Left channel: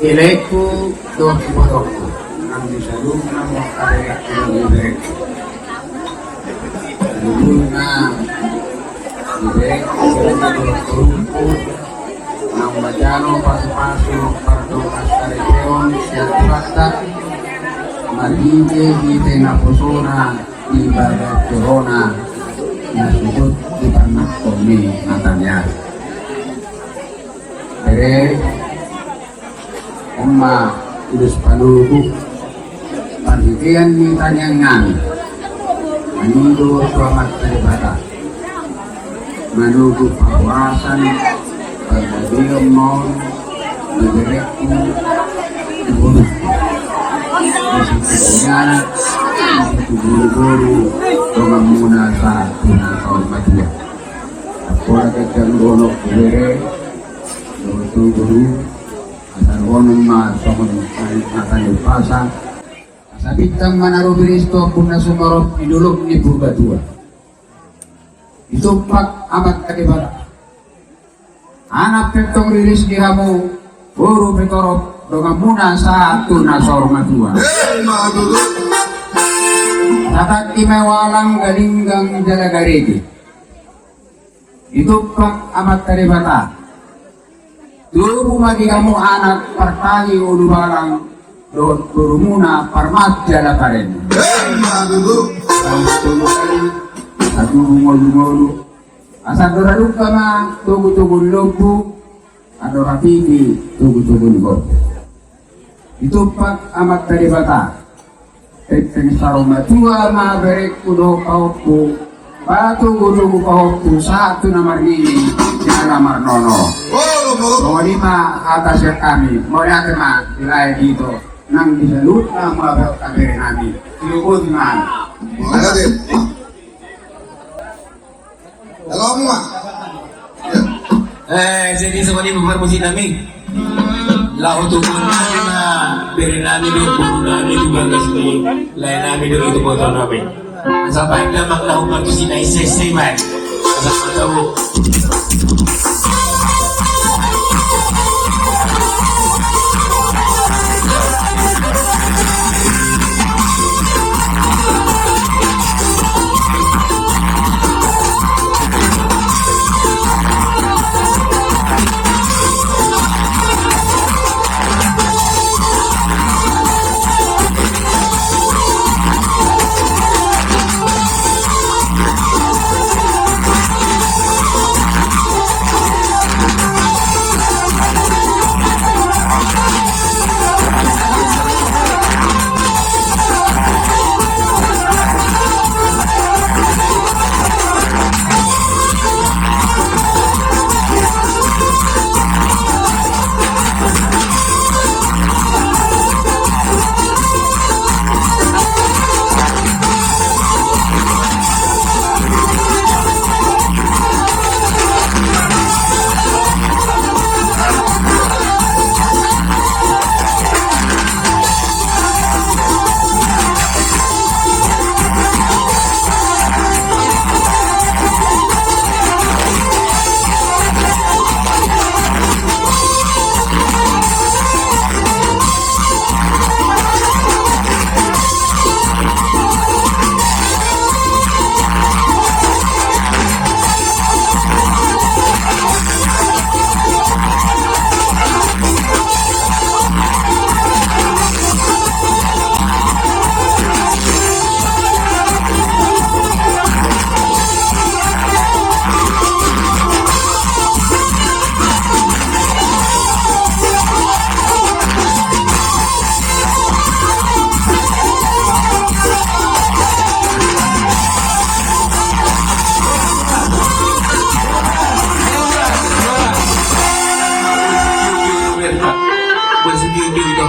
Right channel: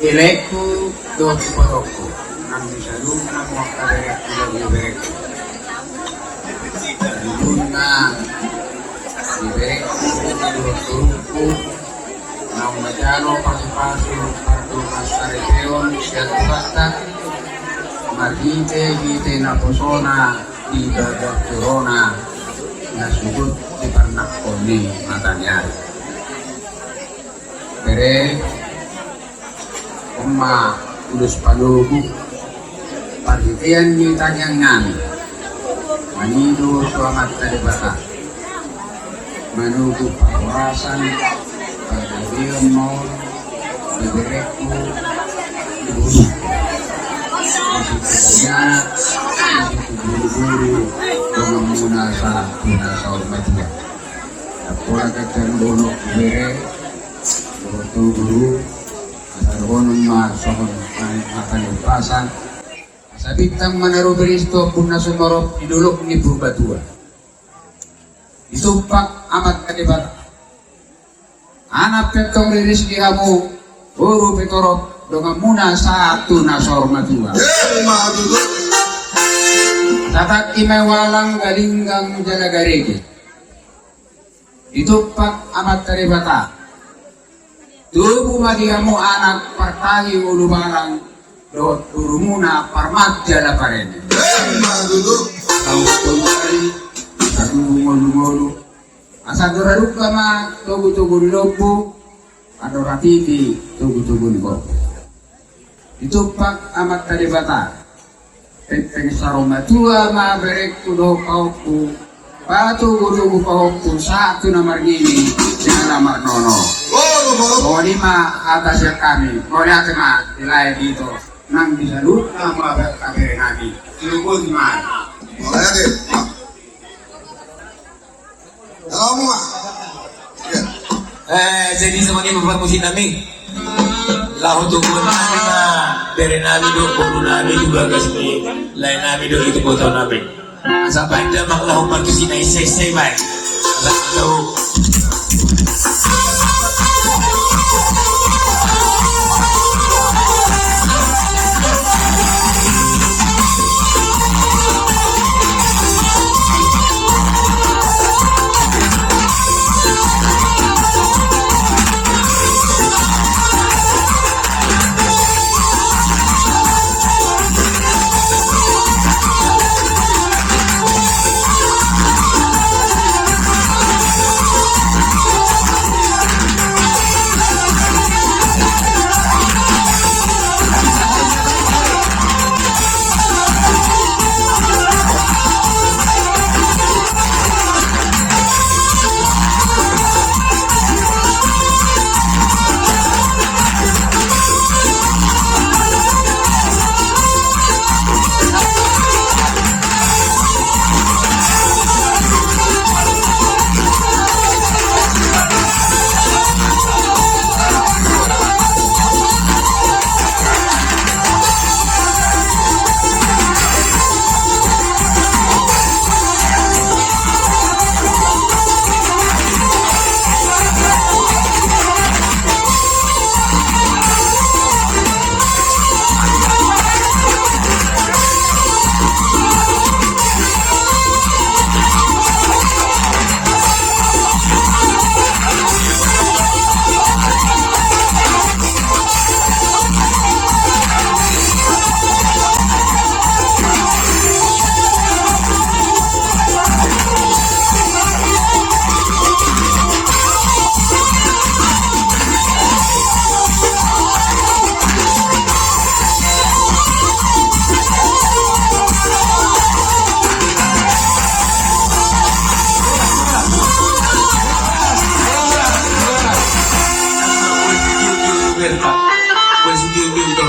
Eleku doa kepadaku, nanti salung namu kadek direkku. Luna direkku direkku, nama jano pasu kartu asari peon siatulata, magite na posona di badat corona, nasubut di panak koni matanya. Bere Oma udus paluhu pagitian ni tanyangan manido suamat dari bata manugu pawasan pagdadiyom maun diberekku dibunuh disitunya disitu guru-guru dengan muna sa hormatnya aku lagi cenggolok bere guru Argonong masokon akan lupasan. Sabitang manaro Kristo pun nasumarot idulog ni Purgatua. Itumpak amat kadibata. Anak petong riris di kamu buru petorot dengan muna satu nasormatua. Tatak imewalang galinggang jalagarigi. Itumpak amat kadibata. Dulu magi kamu anak pertahi ulu barang dot burumuna parmat jala parenya. Kamu tunggu kali, aku ngolu-ngolu. Asa doralu kama tugu-tugu lobu, adora TV tugu-tugu lobu. Itu pak amat tadi bata. Tentang saroma tua ma berek kudo kauku. Batu tugu kauku satu nomor ini dengan nomor nono. Bahwa lima atasnya kami, mau lihat mah wilayah itu, nang bisa lupa mabuk kami kami, silupun mana? Halo mama. Jadi semua ini berfungsi kami. Lahu tu pun na dari nami do pun nami juga kasih lain nami do itu foto nami. Sampai kita nak lahu berfungsi na isi baik. Tahu. Bersugi-sugi itu.